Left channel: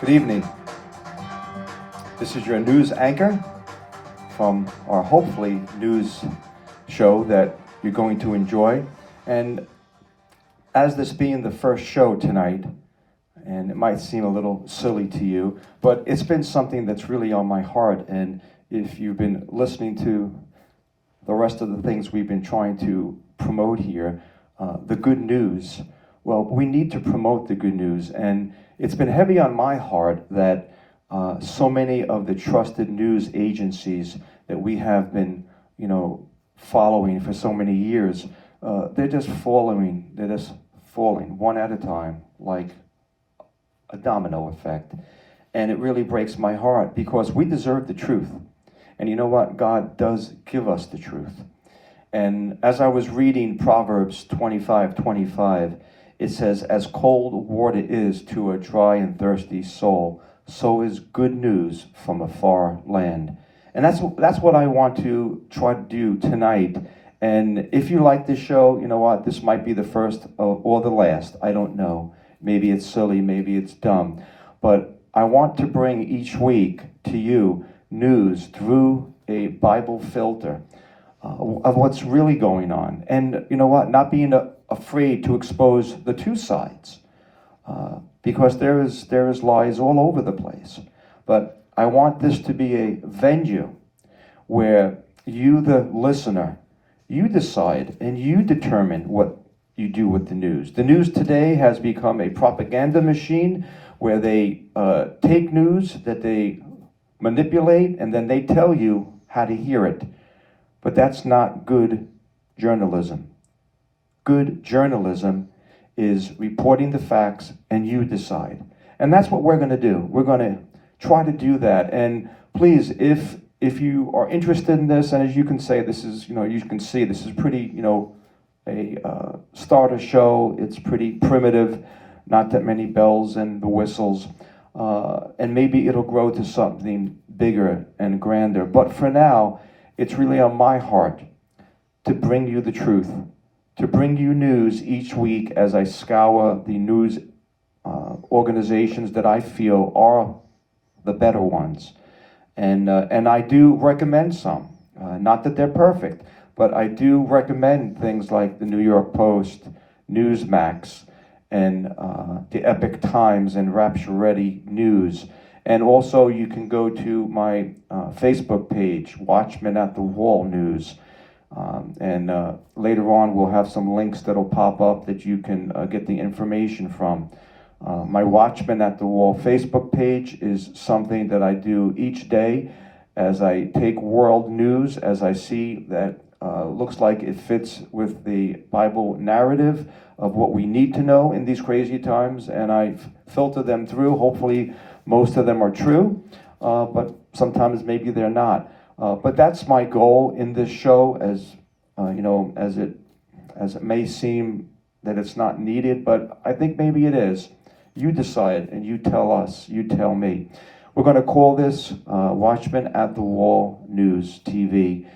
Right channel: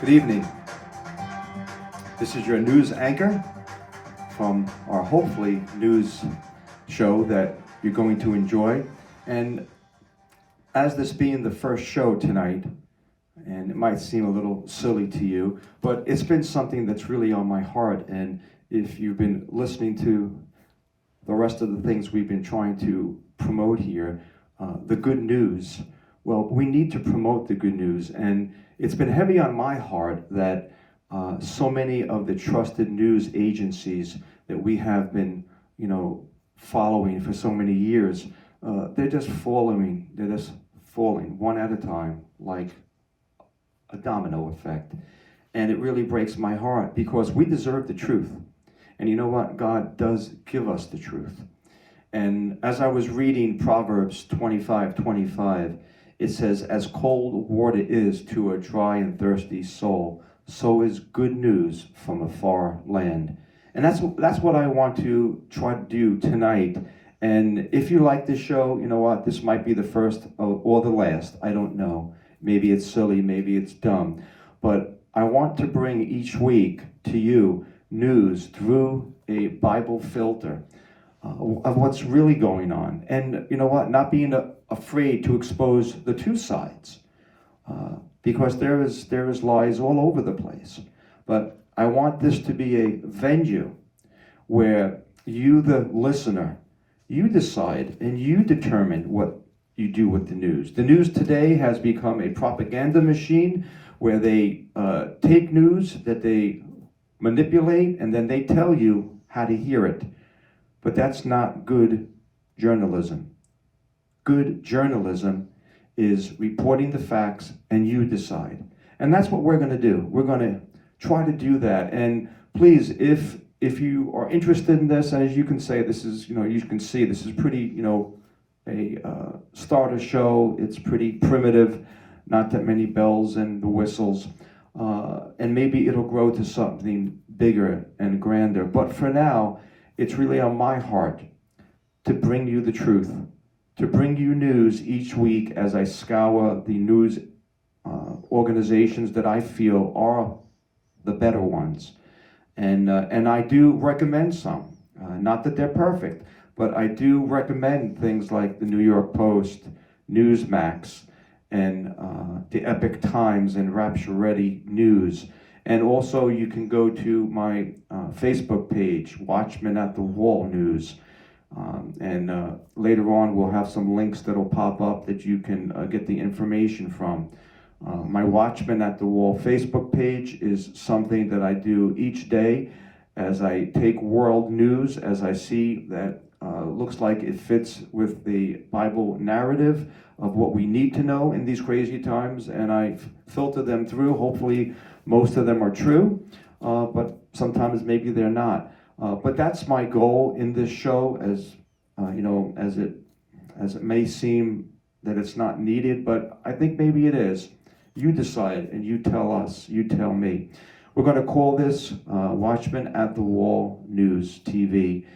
Good evening. This is your news anchor from our hopefully news show that you're going to enjoy. And as this being the first show tonight, and it might seem a little silly to you, but it's been something that's really on my heart. And if you've been listening to the rest of the things we've been trying to promote here, the good news, well, we need to promote the good news. And it's been heavy on my heart that so many of the trusted news agencies that we have been, following for so many years, they're just falling one at a time, like a domino effect. And it really breaks my heart because we deserve the truth. And you know what? God does give us the truth. And as I was reading Proverbs 25:25, it says, "As cold water is to a dry and thirsty soul, so is good news from a far land." And that's what I want to try to do tonight. And if you like this show, you know what? This might be the first or the last. I don't know. Maybe it's silly, maybe it's dumb. But I want to bring each week to you news through a Bible filter of what's really going on. And you know what? Not being afraid to expose the two sides. Because there is lies all over the place. But I want this to be a venue where you, the listener, you decide and you determine what you do with the news. The news today has become a propaganda machine where they take news that they manipulate and then they tell you how to hear it. But that's not good journalism. Good journalism is reporting the facts and you decide. And that's what we're going to do. We're going to try to do that. And please, if you are interested in this, and as you can say, this is, you can see this is pretty, a starter show. It's pretty primitive, not that many bells and the whistles. And maybe it'll grow to something bigger and grander. But for now, it's really on my heart to bring you the truth, to bring you news each week as I scour the news organizations that I feel are the better ones. And I do recommend some. Not that they're perfect, but I do recommend things like the New York Post, Newsmax, and the Epic Times and Rapture Ready News. And also you can go to my Facebook page, Watchmen at the Wall News. And later on we'll have some links that'll pop up that you can get the information from. My Watchmen at the Wall Facebook page is something that I do each day as I take world news, as I see that looks like it fits with the Bible narrative of what we need to know in these crazy times, and I filter them through. Hopefully most of them are true, but sometimes maybe they're not. But that's my goal in this show, as as it may seem that it's not needed, but I think maybe it is. You decide and you tell us, you tell me. We're going to call this Watchmen at the Wall News TV.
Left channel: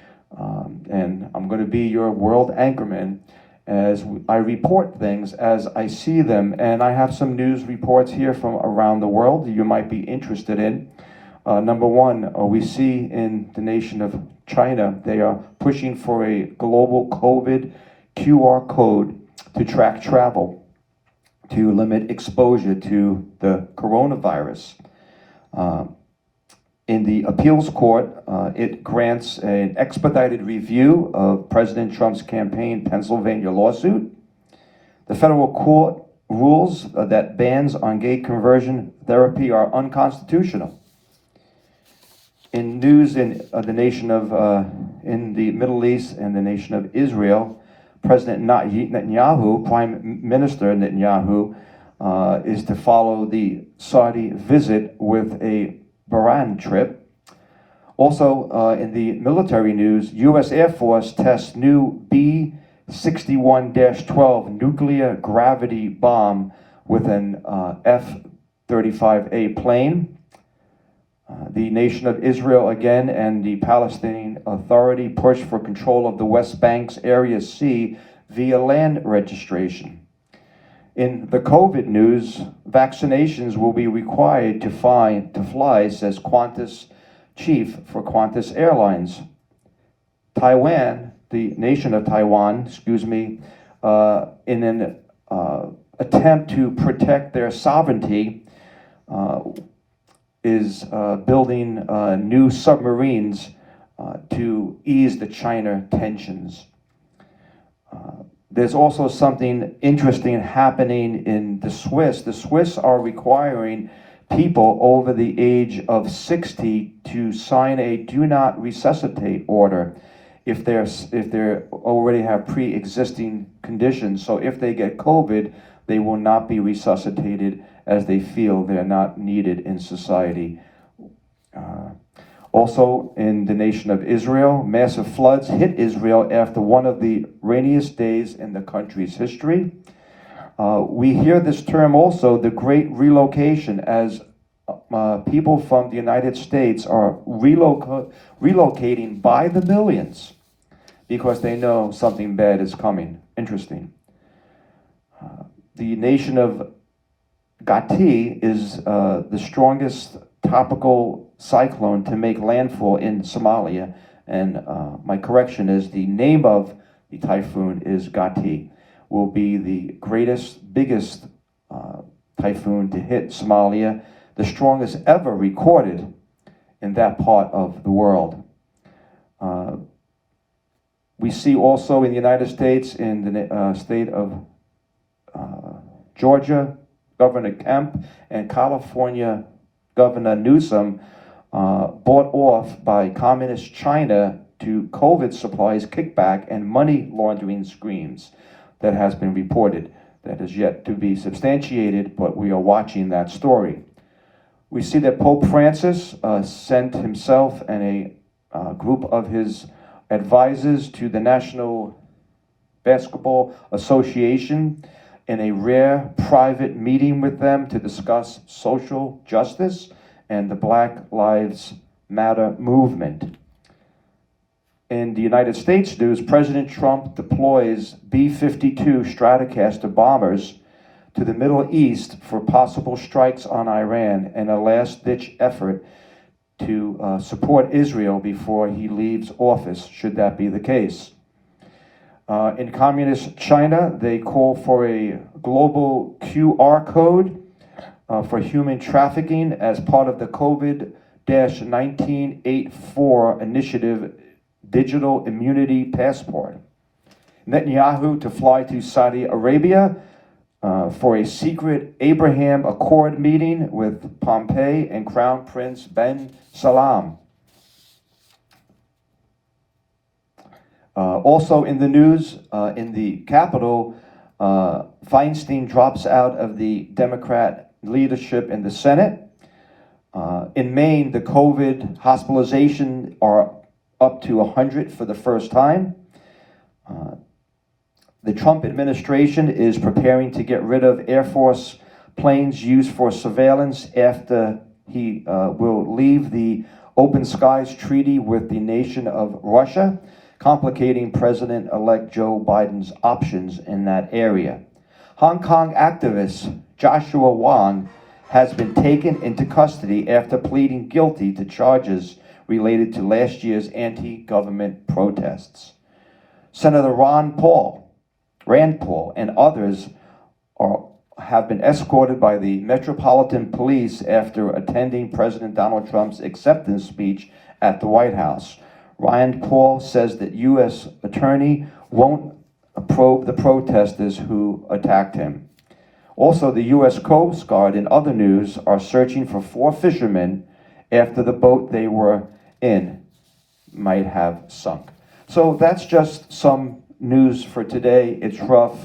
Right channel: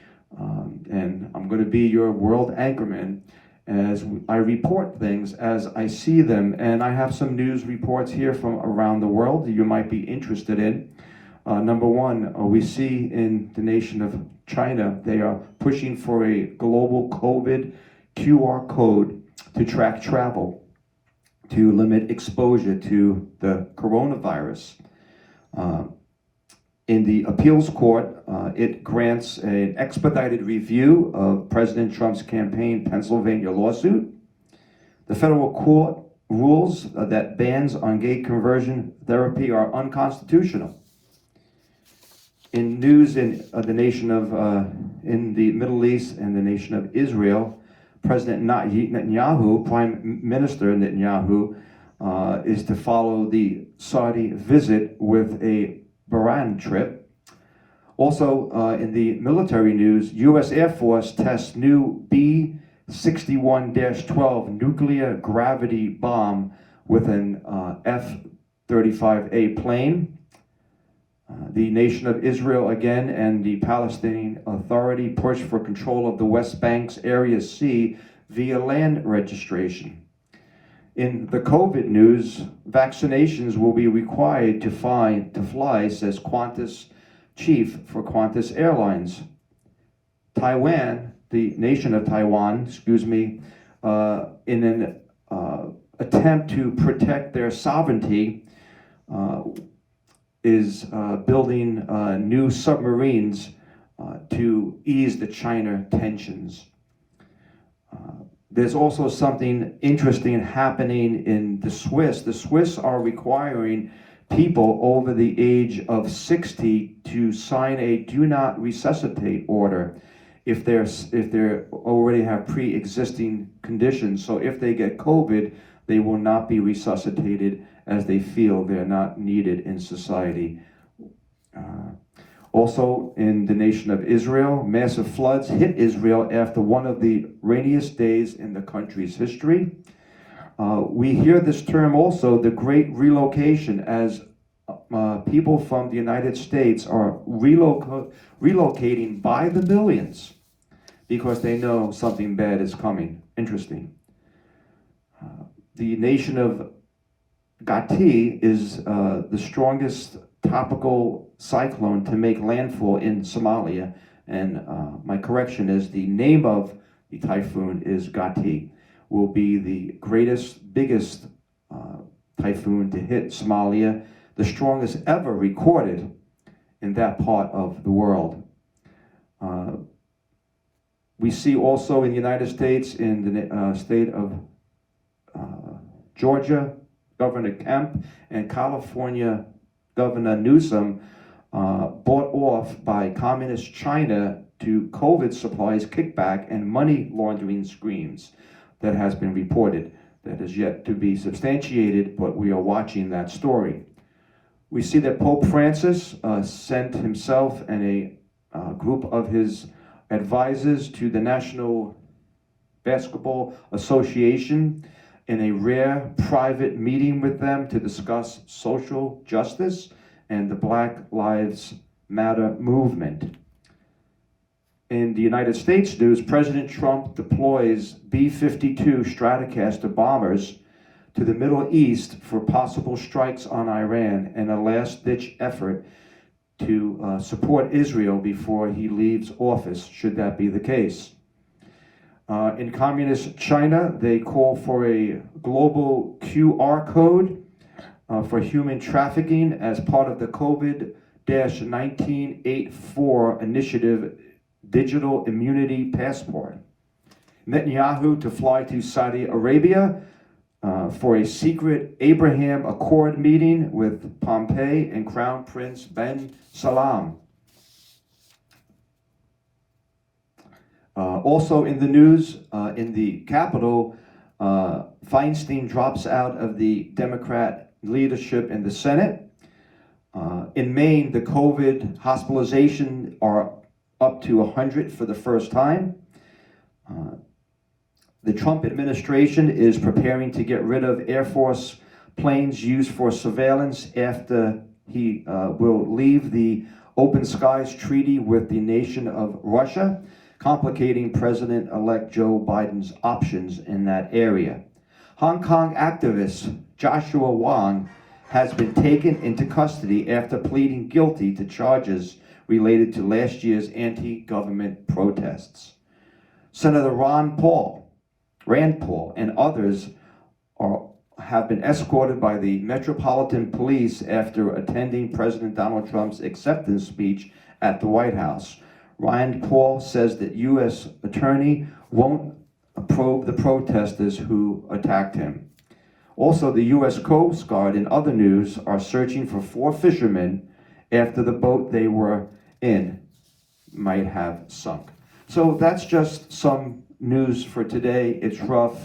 And I'm going to be your world anchorman as I report things as I see them. And I have some news reports here from around the world that you might be interested in. Number one, we see in the nation of China, they are pushing for a global COVID QR code to track travel, to limit exposure to the coronavirus. In the appeals court, it grants an expedited review of President Trump's campaign Pennsylvania lawsuit. The federal court rules that bans on gay conversion therapy are unconstitutional. In news in the nation of, in the Middle East and the nation of Israel, President Netanyahu, Prime Minister Netanyahu, is to follow the Saudi visit with a Bahrain trip. Also, in the military news, U.S. Air Force tests new B-61-12 nuclear gravity bomb with an F-35A plane. The nation of Israel again and the Palestinian Authority push for control of the West Bank's Area C via land registration. In the COVID news, vaccinations will be required to fly, says Qantas chief for Qantas Airlines. Taiwan, the nation of Taiwan, in an attempt to protect their sovereignty, is building new submarines to ease the China tensions. There's also something interesting happening in the Swiss. The Swiss are requiring people over the age of 60 to sign a do not resuscitate order if they already have pre-existing conditions. So if they get COVID, they will not be resuscitated as they feel they're not needed in society. Also, in the nation of Israel, massive floods hit Israel after one of the rainiest days in the country's history. We hear this term also, the Great Relocation, as people from the United States are relocating by the millions because they know something bad is coming. Interesting. The nation of W.A.T.W is the strongest tropical cyclone to make landfall in Somalia, and my correction is the name of the typhoon is W.A.T.W. Will be the biggest typhoon to hit Somalia, the strongest ever recorded in that part of the world. We see also in the United States, in the state of Georgia, Governor Kemp, and California Governor Newsom, bought off by communist China to COVID supplies kickback and money laundering schemes. That has been reported. That is yet to be substantiated, but we are watching that story. We see that Pope Francis sent himself and a group of his advisors to the National Basketball Association in a rare private meeting with them to discuss social justice and the Black Lives Matter movement. In the United States news, President Trump deploys B-52 Stratocaster bombers to the Middle East for possible strikes on Iran in a last-ditch effort to support Israel before he leaves office, should that be the case. In communist China, they call for a global QR code for human trafficking as part of the COVID-1984 initiative Digital Immunity Passport. Netanyahu to fly to Saudi Arabia for a secret Abraham Accord meeting with Pompeo and Crown Prince Ben Salman. Also in the news, in the Capitol, Feinstein drops out of the Democrat leadership in the Senate. In Maine, the COVID hospitalization are up to 100 for the first time. The Trump administration is preparing to get rid of Air Force planes used for surveillance after he will leave the Open Skies Treaty with the nation of Russia, complicating President-elect Joe Biden's options in that area. Hong Kong activist Joshua Wong has been taken into custody after pleading guilty to charges related to last year's anti-government protests. Senator Rand Paul, and others have been escorted by the Metropolitan Police after attending President Donald Trump's acceptance speech at the White House. Rand Paul says that U.S. attorney won't probe the protesters who attacked him. Also, the U.S. Coast Guard and other news are searching for 4 fishermen after the boat they were in might have sunk. So that's just some news for today. It's rough,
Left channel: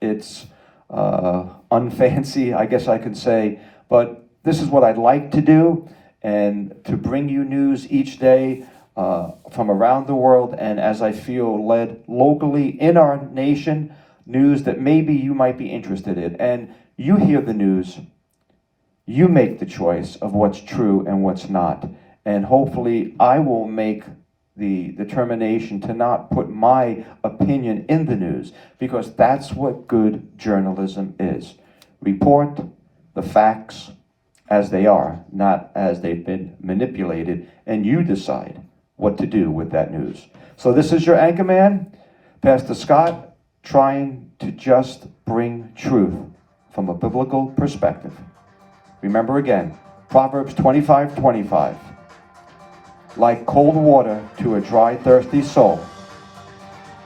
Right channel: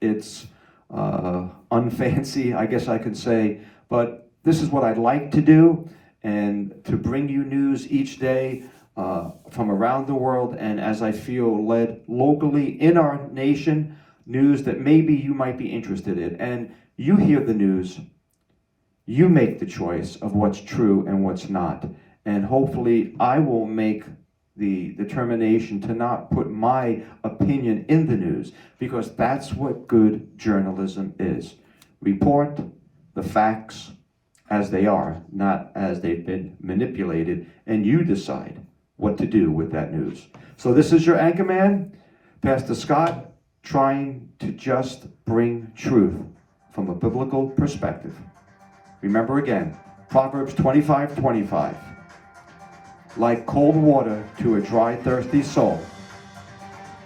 it's unfancy, I guess I could say, but this is what I'd like to do, and to bring you news each day from around the world, and as I feel led locally in our nation, news that maybe you might be interested in. And you hear the news, you make the choice of what's true and what's not. And hopefully I will make the determination to not put my opinion in the news, because that's what good journalism is. Report the facts as they are, not as they've been manipulated, and you decide what to do with that news. So this is your anchorman, Pastor Scott, trying to just bring truth from a biblical perspective. Remember again, Proverbs 25:25. Like cold water to a dry, thirsty soul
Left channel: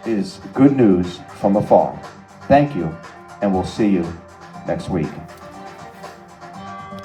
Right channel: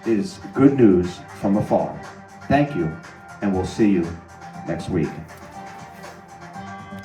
is good news from afar. Thank you, and we'll see you next week.